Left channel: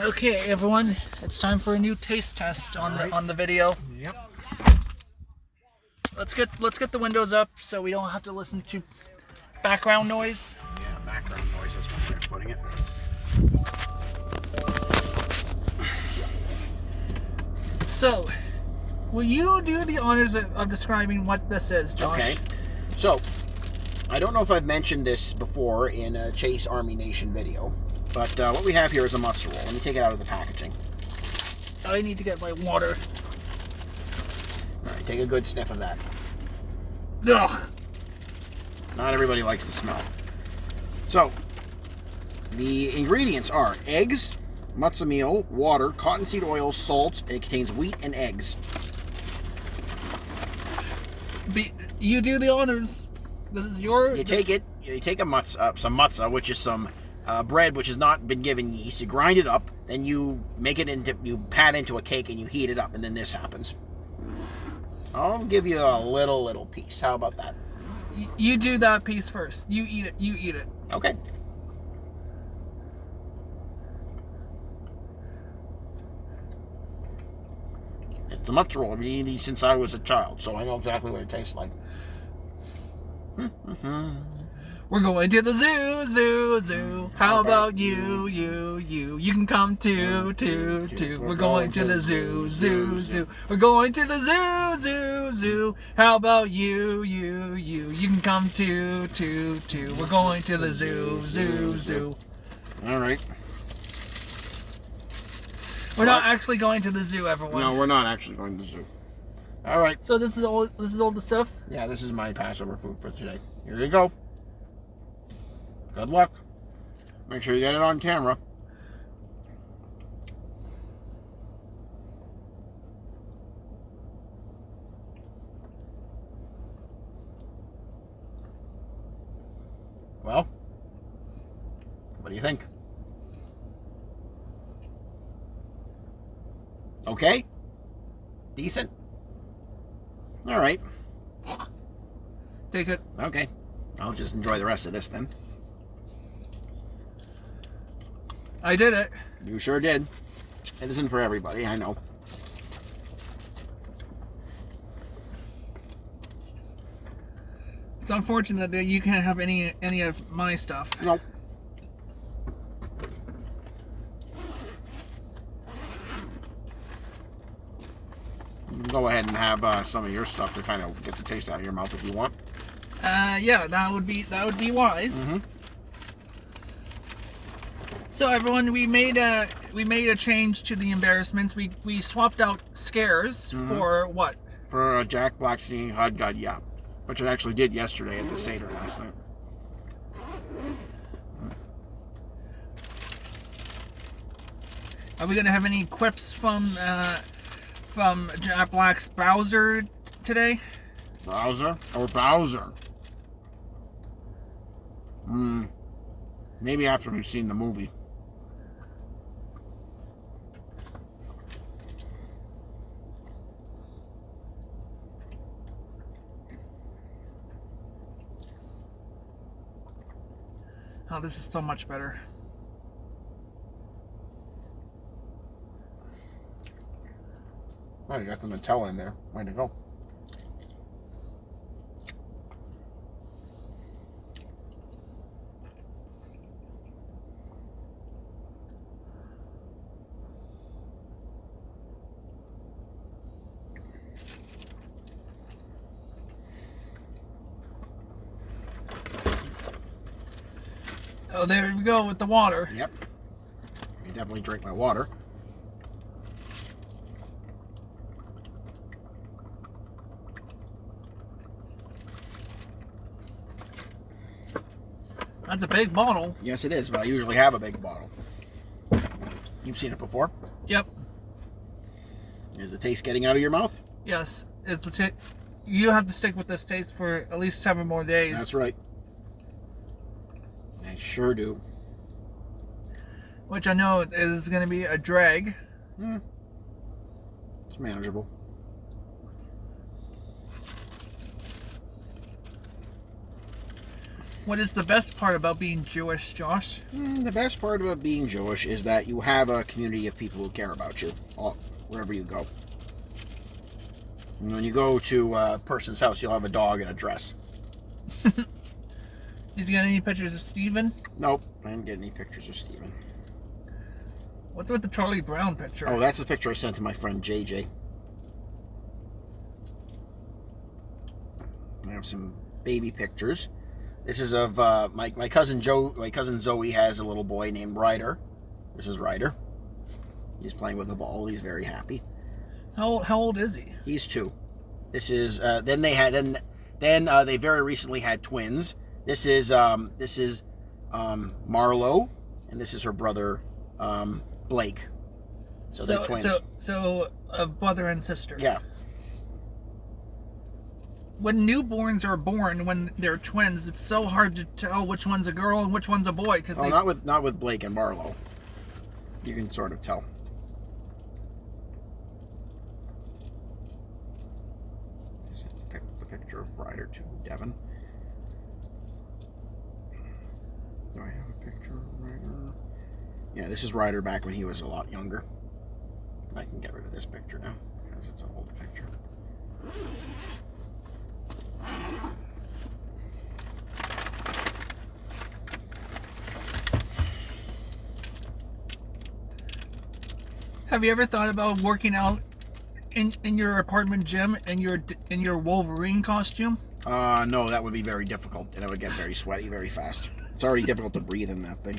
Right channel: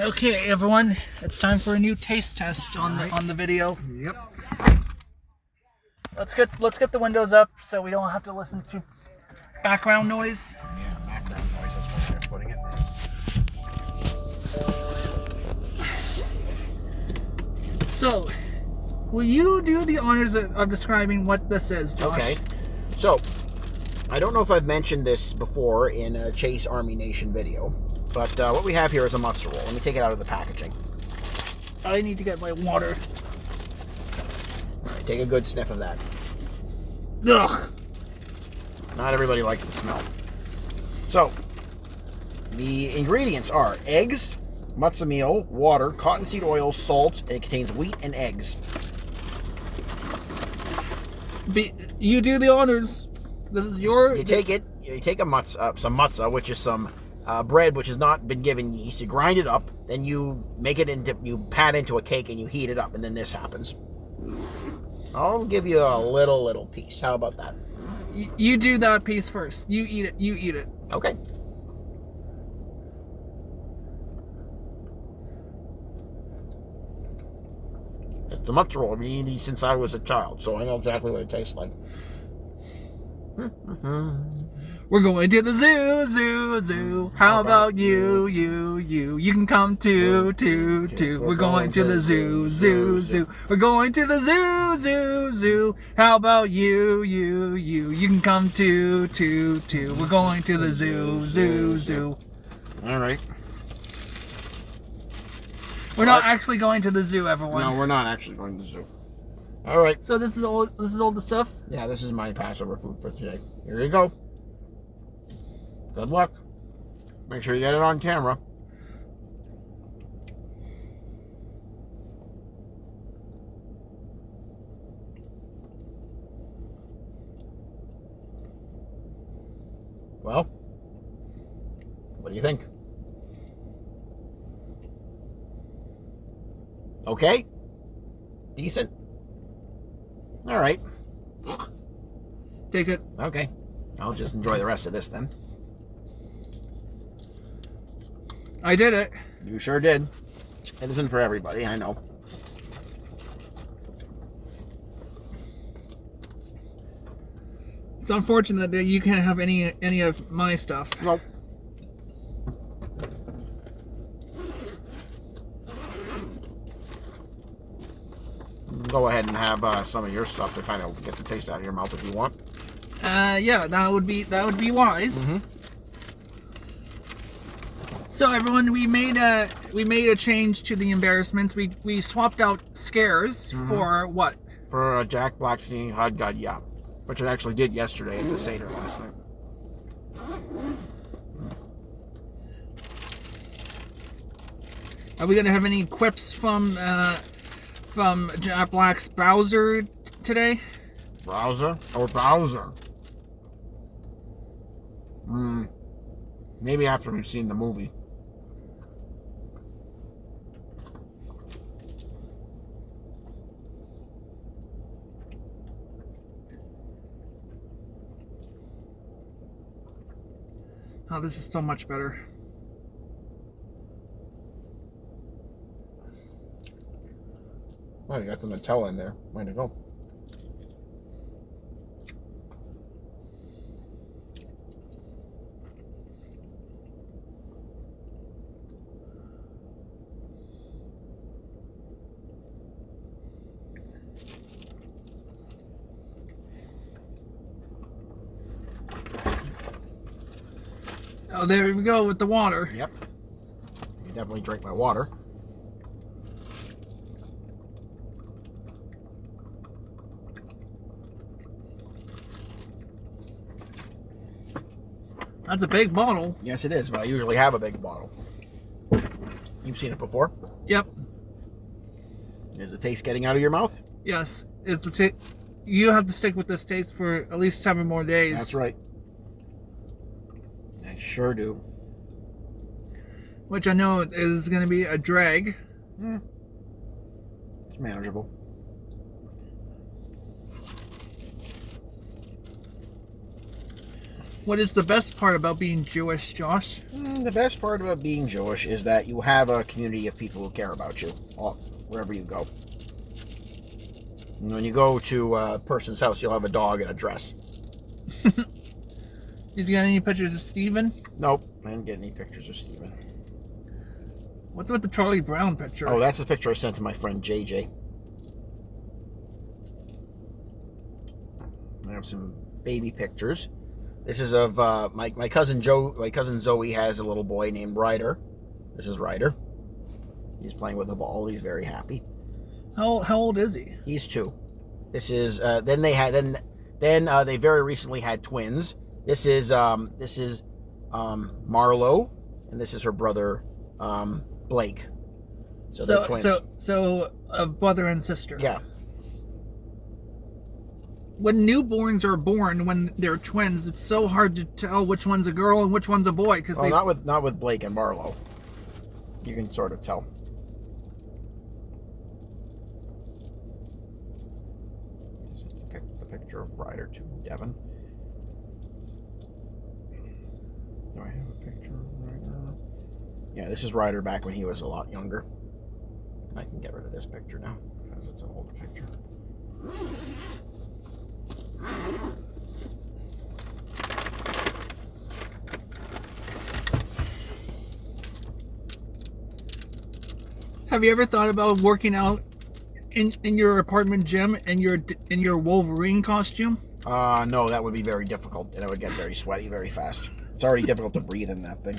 Okay, everyone, it's time for a new taste test on the video. Yep. Let's get the windows up so we don't have to listen to background noise. Yeah, background noise is what you're putting it. So, will you do the honors of describing what this is, Josh? Okay. So, I don't know if I've mentioned this before in a Chase Army Nation video, but what we have here is a matzo roll. Let me take it out of the packaging. I need to get my water. All right, take a good sniff of that. Ugh. Not everybody likes the smell. So, the ingredients are eggs, matzo meal, water, cottonseed oil, salt, and it contains wheat and eggs. You do the honors. This is your... You take some matzo, which is some bread which has not been given yeast. You grind it up, then you pat into a cake and you heat it up, and then this happens. I'll give you a little piece. How about that? You do that piece first. You eat it. Okay. It's a matzo roll. I've been eating these since I was a child, so I know exactly what it tastes like. We're going to the zoo. How about you? You can come too. We're going to the zoo. We're going to the zoo. How about you? You can come too. We're going to the zoo. All right. We're not actually going to the zoo, everyone. No, we're not actually going to the zoo. All right. So this is all the stuff? Yeah, this is my Passover food for today. Here you go. Good luck. Make sure you get it on camera. Well, what do you think? Okay? Decent? All right. Take it. Okay. I'll just enjoy the rest of this then. I did it. You sure did. It isn't for everybody, I know. It's unfortunate that you can't have any of my stuff. Nope. You can go ahead and have some of your stuff to kind of get the taste out of your mouth if you want. Yeah, that would be wise. Mm-hmm. So everyone, we made a change to the embarrassments. We swapped out scares for what? For Jack Blackstein Hod God Yap, which I actually did yesterday at the Seder last night. Are we gonna have any quips from Jack Black's Bowser today? Browser or Bowser? Maybe after we've seen the movie. Oh, this is so much better. Oh, you got the Nutella in there. Way to go. Oh, there we go with the water. Yep. You definitely drink my water. That's a big bottle. Yes, it is, but I usually have a big bottle. You've seen it before? Yep. Is the taste getting out of your mouth? Yes. You have to stick with this taste for at least 7 more days. That's right. I sure do. Which I know is going to be a drag. It's manageable. What is the best part about being Jewish, Josh? The best part about being Jewish is that you have a community of people who care about you, wherever you go. And when you go to a person's house, you'll have a dog and a dress. Did you get any pictures of Steven? Nope, I didn't get any pictures of Steven. What's with the Charlie Brown picture? Oh, that's a picture I sent to my friend JJ. I have some baby pictures. This is of my cousin Joe. My cousin Zoe has a little boy named Ryder. This is Ryder. He's playing with a ball. He's very happy. How old is he? He's 2. This is then they very recently had twins. This is Marlo, and this is her brother Blake. So they're twins. So a brother and sister. Yeah. When newborns are born, when they're twins, it's so hard to tell which one's a girl and which one's a boy because not with Blake and Marlo. You can sort of tell. This is the picture of Ryder to Devin. Do I have a picture of Ryder? Yeah, this is Ryder back when he was a lot younger. I can get rid of this picture now because it's an old picture. Have you ever thought about working out in your apartment gym in your Wolverine costume? No, that would be very difficult, and I would get very sweaty very fast. It's already difficult to breathe in that thing.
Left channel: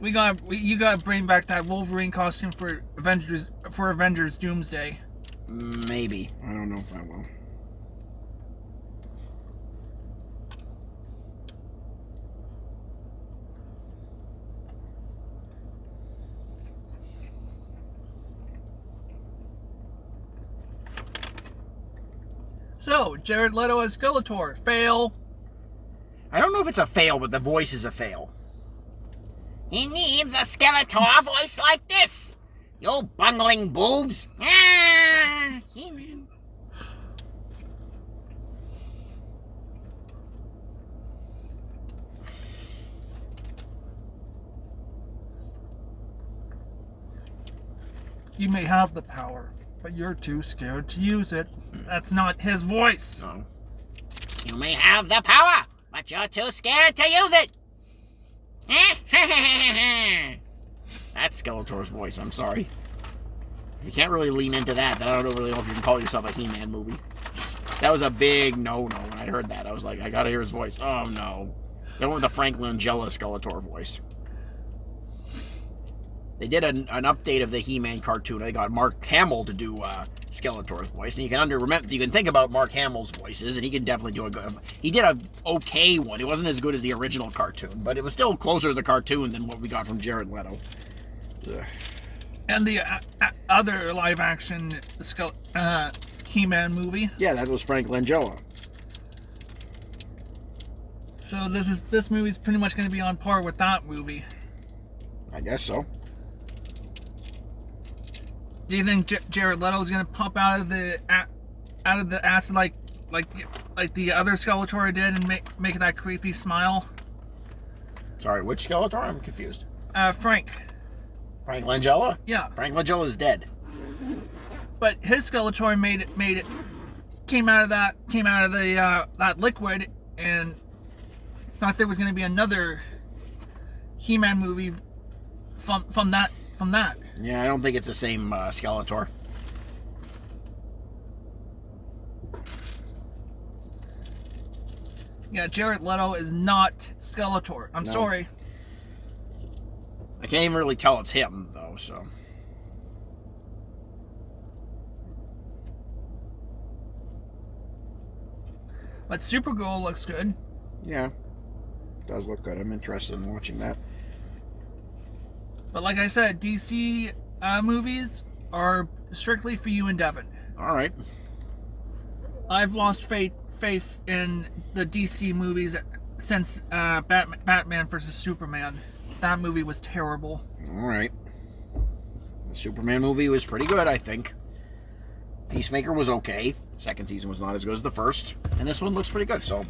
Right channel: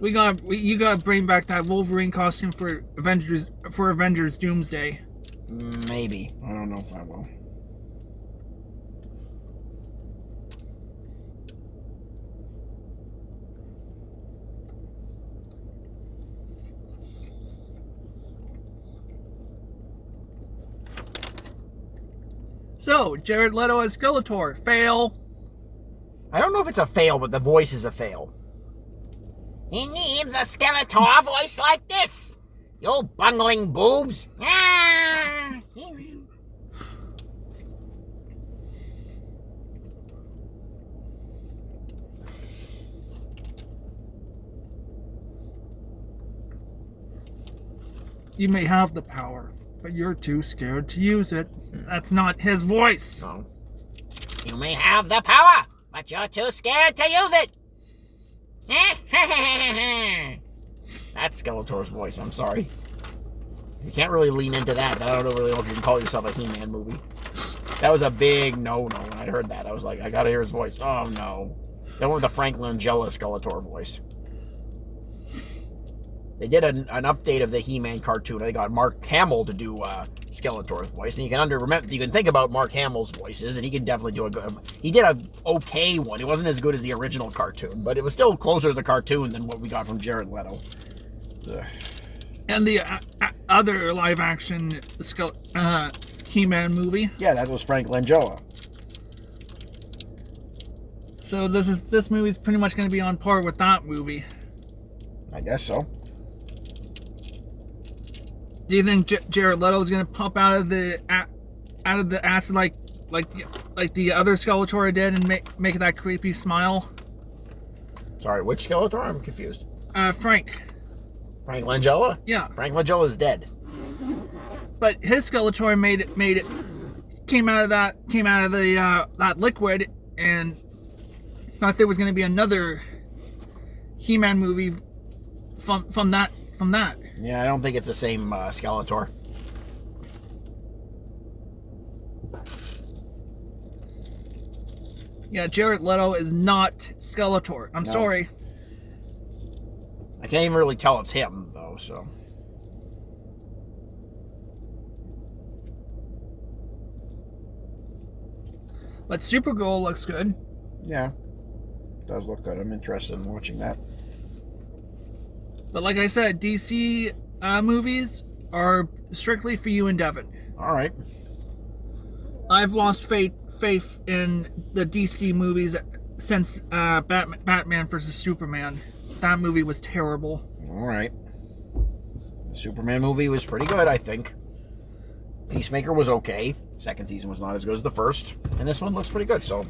You gotta bring back that Wolverine costume for Avengers Doomsday. Maybe. I don't know if I will. So, Jared Leto as Skeletor. Fail. I don't know if it's a fail, but the voice is a fail. He needs a Skeletor voice like this. You bungling boobs. Ah, He-Man. You may have the power, but you're too scared to use it. That's not his voice. No. You may have the power, but you're too scared to use it. That's Skeletor's voice, I'm sorry. You can't really lean into that, then I don't really know if you can call yourself a He-Man movie. That was a big no-no when I heard that. I was like, I gotta hear his voice. Oh, no. They went with the Frank Langella Skeletor voice. They did an update of the He-Man cartoon. They got Mark Hamill to do Skeletor's voice, and you can think about Mark Hamill's voices, and he can definitely do a good. He did a okay one. It wasn't as good as the original cartoon, but it was still closer to the cartoon than what we got from Jared Leto. Ugh. And the other live-action He-Man movie. Yeah, that was Frank Langella. So this movie's pretty much going to be on par with that movie. I guess so. Do you think Jared Leto is going to pop out of the acid like the other Skeletor did and make that creepy smile? Sorry, which Skeletor? I'm confused. Frank Langella? Yeah. Frank Langella's dead. But his Skeletor came out of that liquid, and thought there was going to be another He-Man movie from that. Yeah, I don't think it's the same Skeletor. Yeah, Jared Leto is not Skeletor. I'm sorry. I can't even really tell it's him, though, so. But Supergirl looks good. Yeah. It does look good. I'm interested in watching that. But like I said, DC movies are strictly for you and Devin. All right. I've lost faith in the DC movies since Batman vs. Superman. That movie was terrible. All right. The Superman movie was pretty good, I think. Peacemaker was okay. Second season was not as good as the first, and this one looks pretty good. So,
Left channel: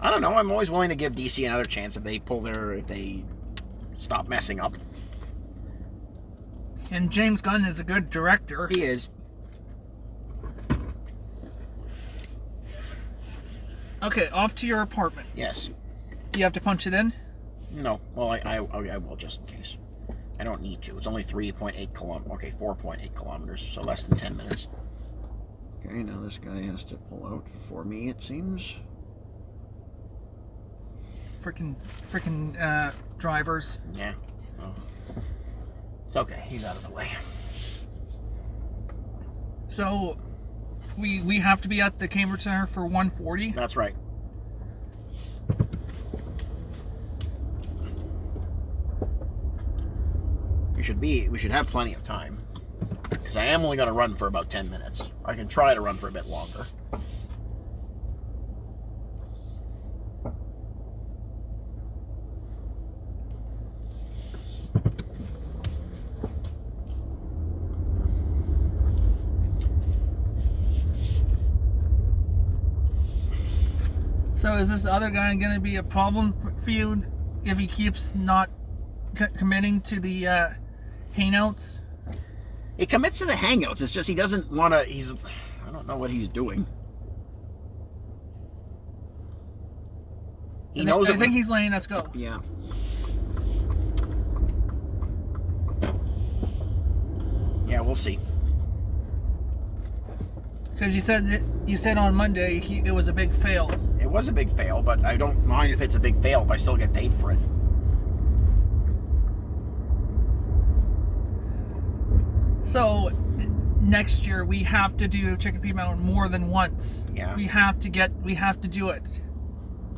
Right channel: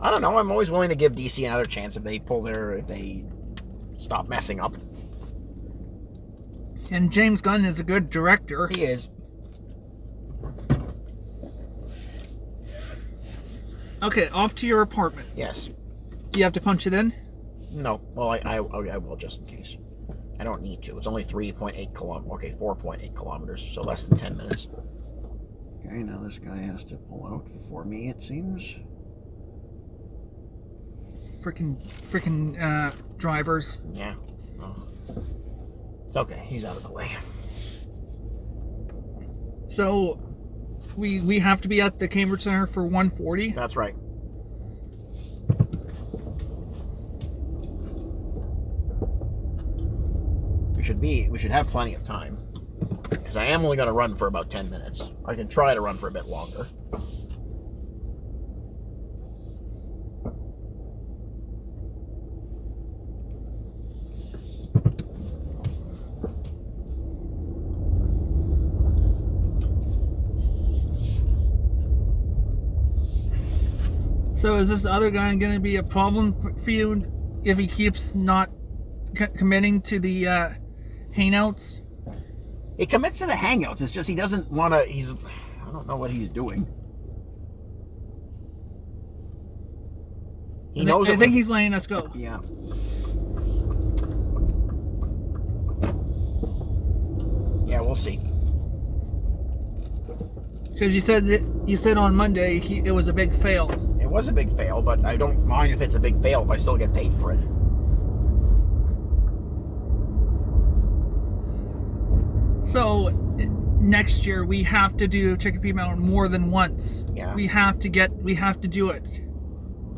I don't know. I'm always willing to give DC another chance if they stop messing up. And James Gunn is a good director. He is. Okay, off to your apartment. Yes. Do you have to punch it in? No. Well, I will just in case. I don't need to. It's only 3.8 kilometers. Okay, 4.8 kilometers, so less than 10 minutes. Okay, now this guy has to pull out for me, it seems. Freaking drivers. Yeah. Well, it's okay. He's out of the way. So, we have to be at the Cambridge Center for 1:40. That's right. We should have plenty of time. Because I am only going to run for about 10 minutes. I can try to run for a bit longer. So is this other guy going to be a problem for you if he keeps not committing to the hangouts? He commits to the hangouts. It's just he doesn't want to. I don't know what he's doing. He knows. I think he's letting us go. Yeah. Yeah, we'll see. Because you said on Monday it was a big fail. It was a big fail, but I don't mind if it's a big fail if I still get paid for it. So next year we have to do Chicopee Mountain more than once. Yeah. We have to do it.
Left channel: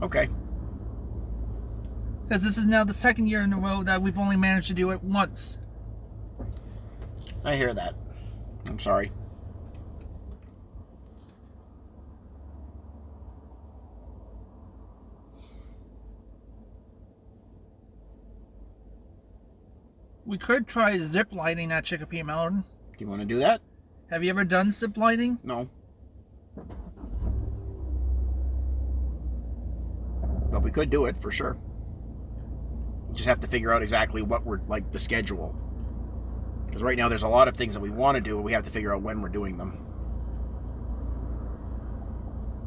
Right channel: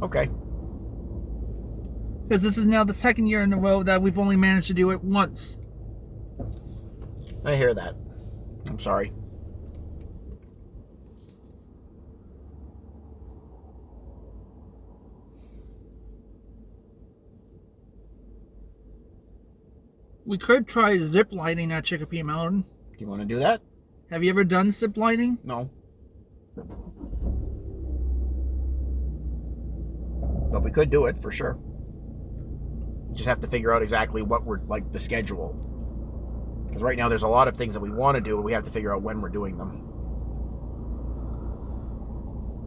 Okay. Because this is now the second year in a row that we've only managed to do it once. I hear that. I'm sorry. We could try zip lining at Chicopee Mountain. Do you want to do that? Have you ever done zip lining? No. But we could do it for sure. Just have to figure out exactly what we're like the schedule. Because right now there's a lot of things that we want to do, but we have to figure out when we're doing them.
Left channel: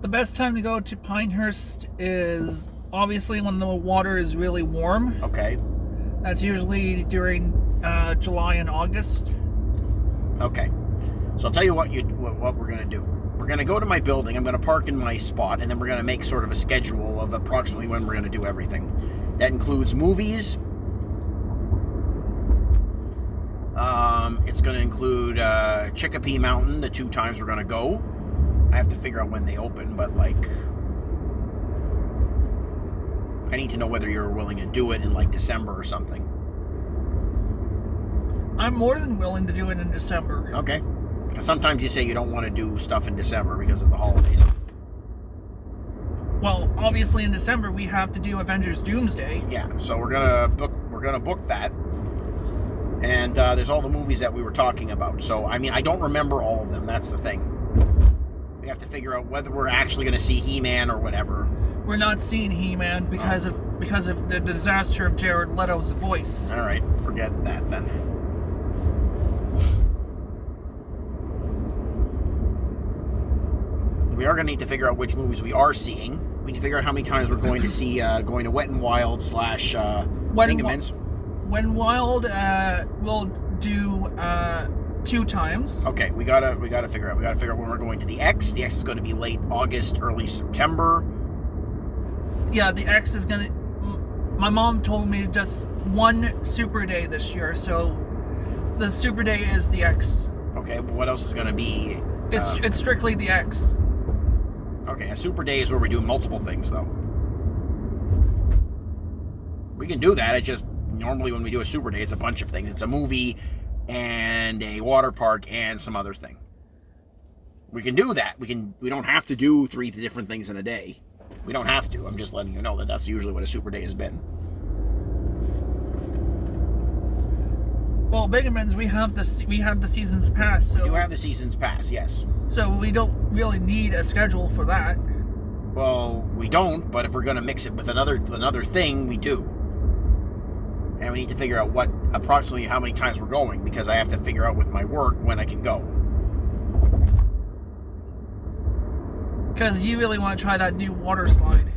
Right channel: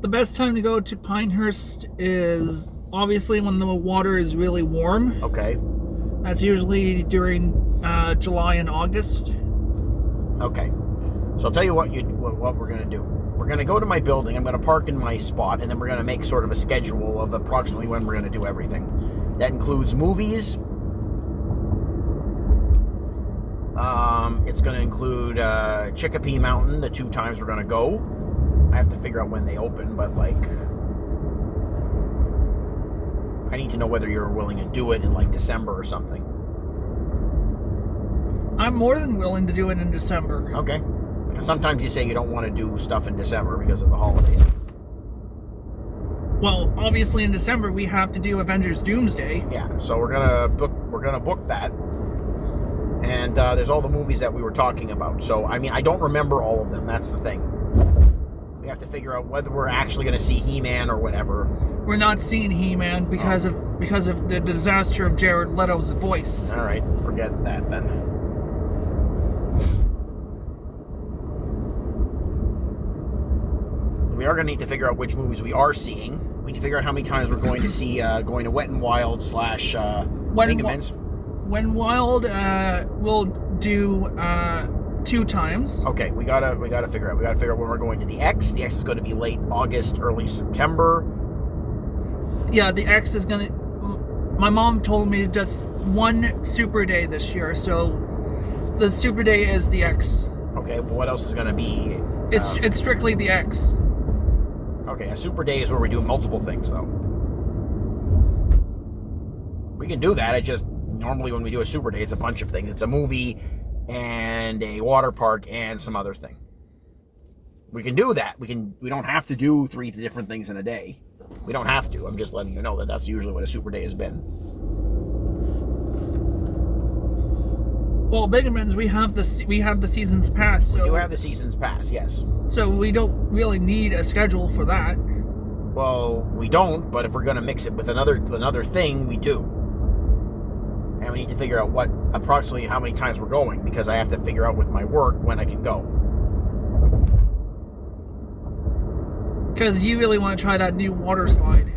The best time to go to Pinehurst is obviously when the water is really warm. Okay. That's usually during July and August. Okay. So I'll tell you what we're going to do. We're going to go to my building. I'm going to park in my spot, and then we're going to make sort of a schedule of approximately when we're going to do everything. That includes movies. It's going to include Chicopee Mountain, the 2 times we're going to go. I have to figure out when they open, but like, I need to know whether you're willing to do it in like December or something. I'm more than willing to do it in December. Okay. Because sometimes you say you don't want to do stuff in December because of the holidays. Well, obviously in December we have to do Avengers Doomsday. Yeah, so we're gonna book that. And there's all the movies that we were talking about. So I mean, I don't remember all of them. That's the thing. We have to figure out whether we're actually going to see He-Man or whatever. We're not seeing He-Man because of the disaster of Jared Leto's voice. All right, forget that then. We are going to need to figure out which movies we are seeing. We need to figure out how many times we're going to see going to Wet and Wild / Bingamins. When Wild, we'll do 2 times. Okay, we gotta figure out. We gotta figure out when we're going to the X. The X is going to be late August, early September. Yeah, the X is gonna. My mom told me just one Super Day this year, so the Super Day is the X. Okay, but what else is going to be? It's strictly the X. Okay, a Super Day is where we do multiple things, though. We can do that. It's just normally when we do a Super Day, it's a bunch of things. It's a movie and a water park and some other thing. We can do that. We don't have to do 3 different things in a day. We don't have to. I'm just letting you know that that's usually what a Super Day has been. Well, Bingaman's, we have the season's pass, so You have the season's pass, yes. so we don't really need a schedule for that. Well, we don't, but if we're going to mix it with another thing, we do. And we need to figure out approximately how many times we're going, because I have to figure out with my work when I can go. Because you really want to try that new water slide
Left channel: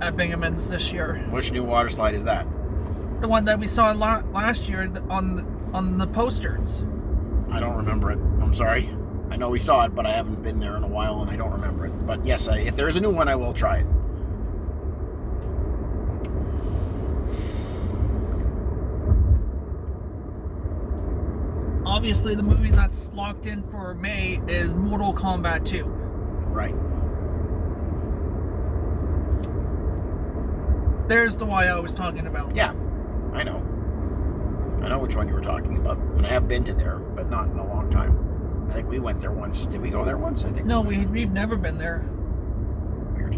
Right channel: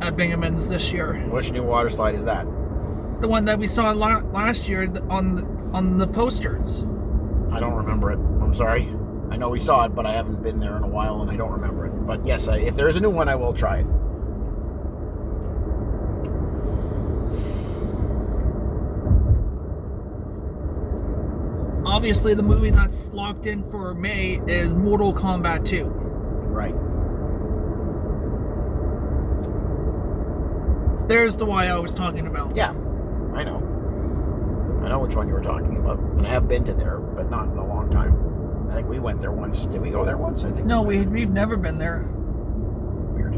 at Bingaman's this year. Which new water slide is that? The one that we saw last year on the posters. I don't remember it. I'm sorry. I know we saw it, but I haven't been there in a while, and I don't remember it. But yes, if there is a new one, I will try it. Obviously, the movie that's locked in for May is Mortal Kombat 2. Right. There's the one I was talking about. Yeah, I know. I know which one you were talking about. And I have been to there, but not in a long time. I think we went there once. Did we go there once? I think. No, we've never been there. Weird.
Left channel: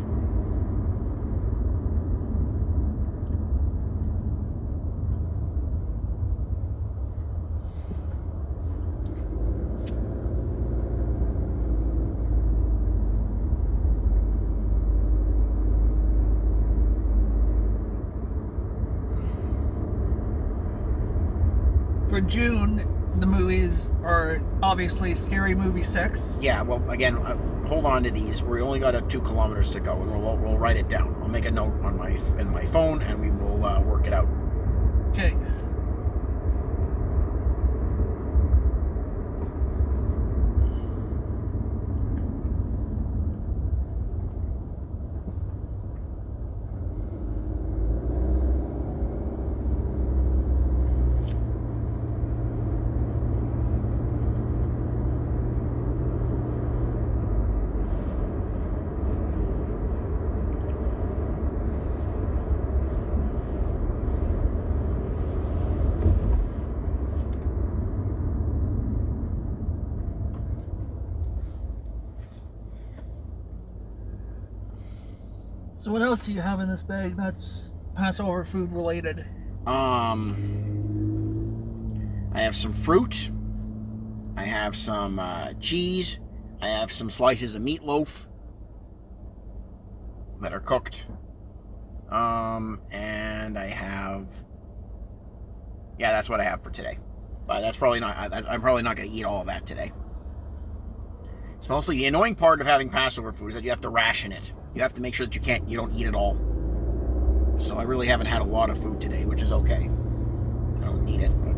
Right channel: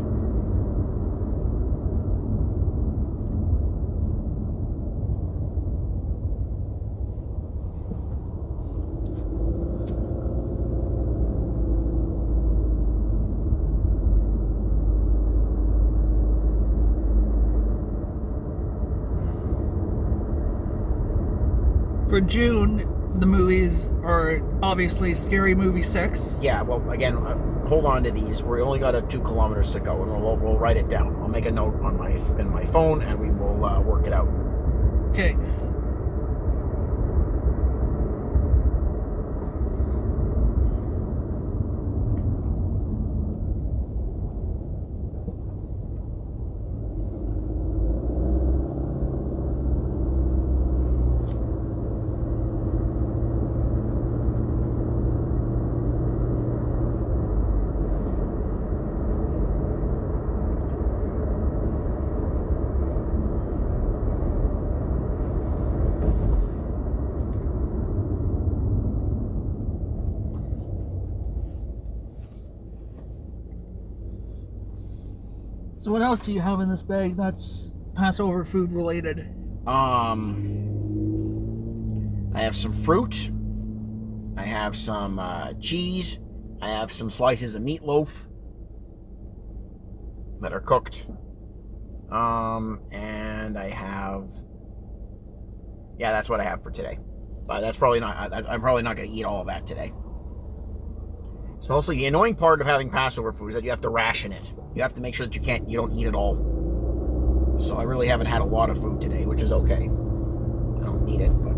For June, the movies are obviously Scary Movie 6. Yeah, well, again, hold on to these. We only got 2 kilometers to go, and we'll write it down. I'll make a note on in my phone, and we will work it out. Okay. So what else do you have in this bag that's Passover food related? I have some fruit. I have some cheese. I have some slices of meatloaf that are cooked. And I have... Yeah, that's what I have for today. But that's probably not... I'm probably not going to eat all of that today. It's mostly the annoying part of having Passover food is that you have to ration it. You have to make sure that you don't eat it all. So I really haven't had a lot of food today, which is okay. I don't need it, but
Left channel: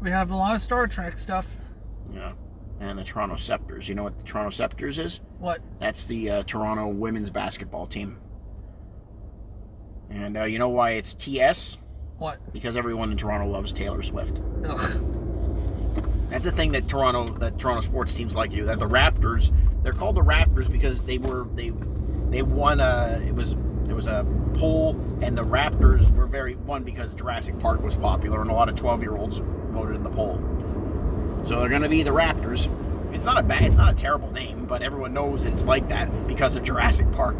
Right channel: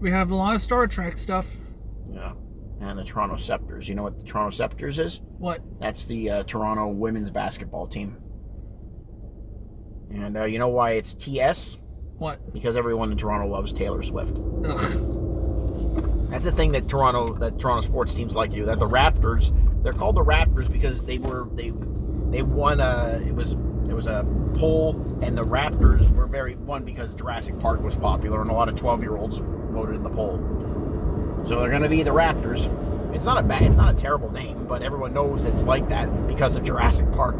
We have a lot of Star Trek stuff. yeah. And the Toronto Scepters. You know what the Toronto Scepters is? What? That's the Toronto women's basketball team. And you know why it's TS? What? Because everyone in Toronto loves Taylor Swift. Ugh. That's a thing that Toronto sports teams like to do. That the Raptors, they're called the Raptors because they won it was a poll, and the Raptors were won because Jurassic Park was popular, and a lot of 12-year-olds voted in the poll. So they're going to be the Raptors. It's not a terrible name, but everyone knows that it's like that because of Jurassic Park.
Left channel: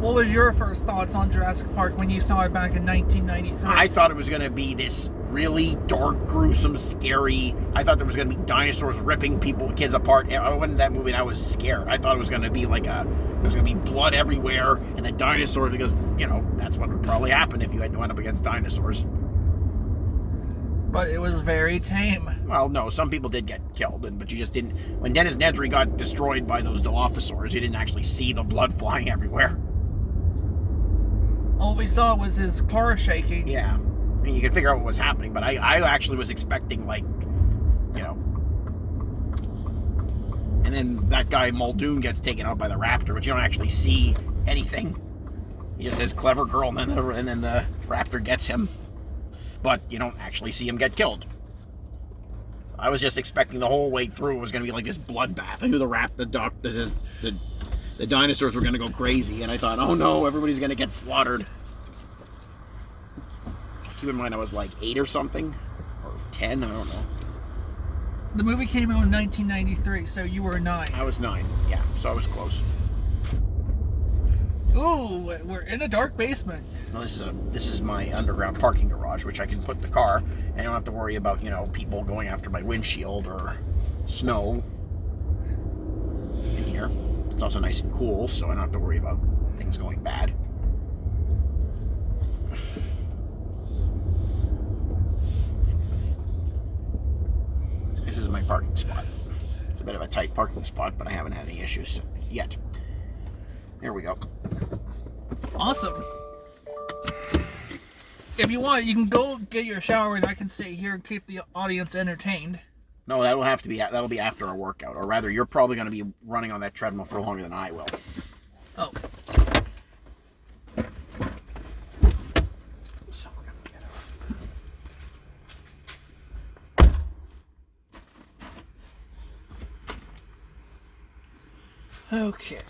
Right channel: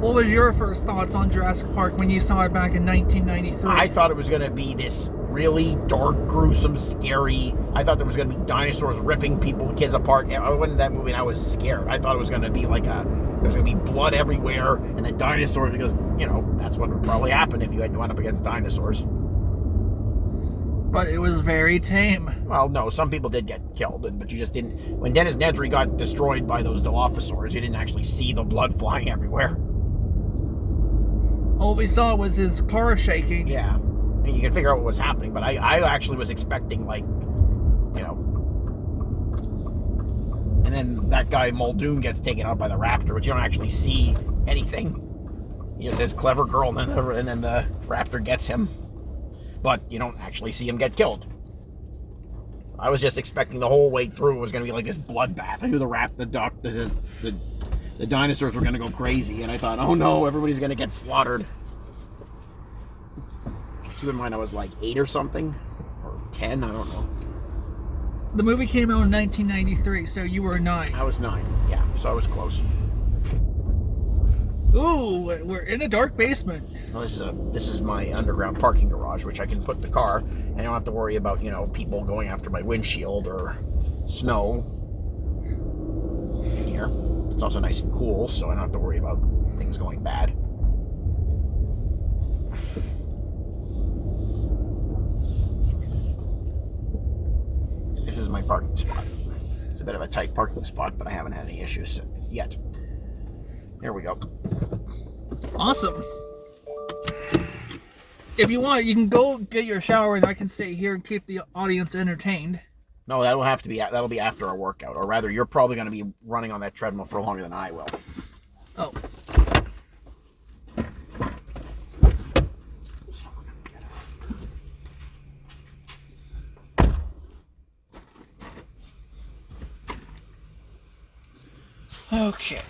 What was your first thoughts on Jurassic Park when you saw it back in 1993? I thought it was going to be this really dark, gruesome, scary. I thought there was going to be dinosaurs ripping kids apart. I went in that movie and I was scared. I thought it was going to be like there was going to be blood everywhere and the dinosaurs, because, that's what would probably happen if you had to went up against dinosaurs. But it was very tame. Well, no, some people did get killed, but you just didn't. When Dennis Nedry got destroyed by those Dilophosaurs, you didn't actually see the blood flying everywhere. All we saw was his car shaking. Yeah. I mean, you can figure out what was happening, but I actually was expecting, And then that guy Muldoon gets taken out by the raptor, but you don't actually see anything. He just says "clever girl," and then the raptor gets him, but you don't actually see him get killed. I was just expecting the whole way through it was going to be like this bloodbath. I knew the dinosaurs were going to go crazy, and I thought, oh no, everybody's going to get slaughtered. Keep in mind, I was like 8 or something, or 10, I don't know. The movie came out in 1993, so you were 9. I was 9, yeah, so I was close. Ooh, we're in a dark basement. Well, this is my underground parking garage, which I can put the car, and I don't have to worry about, people going after my windshield or snow in here. It's also nice and cool, so I don't have to worry about things going bad. This is my parking spot. It's a bit of a tight parking spot, but I haven't had any issues yet. There we go. Awesome. If you want, you can go get your shower, and I can stay here and keep the audience entertained. No, that'll be after our workout, or rather, you're probably going to be running on that treadmill for longer than I will. Oh. Okay.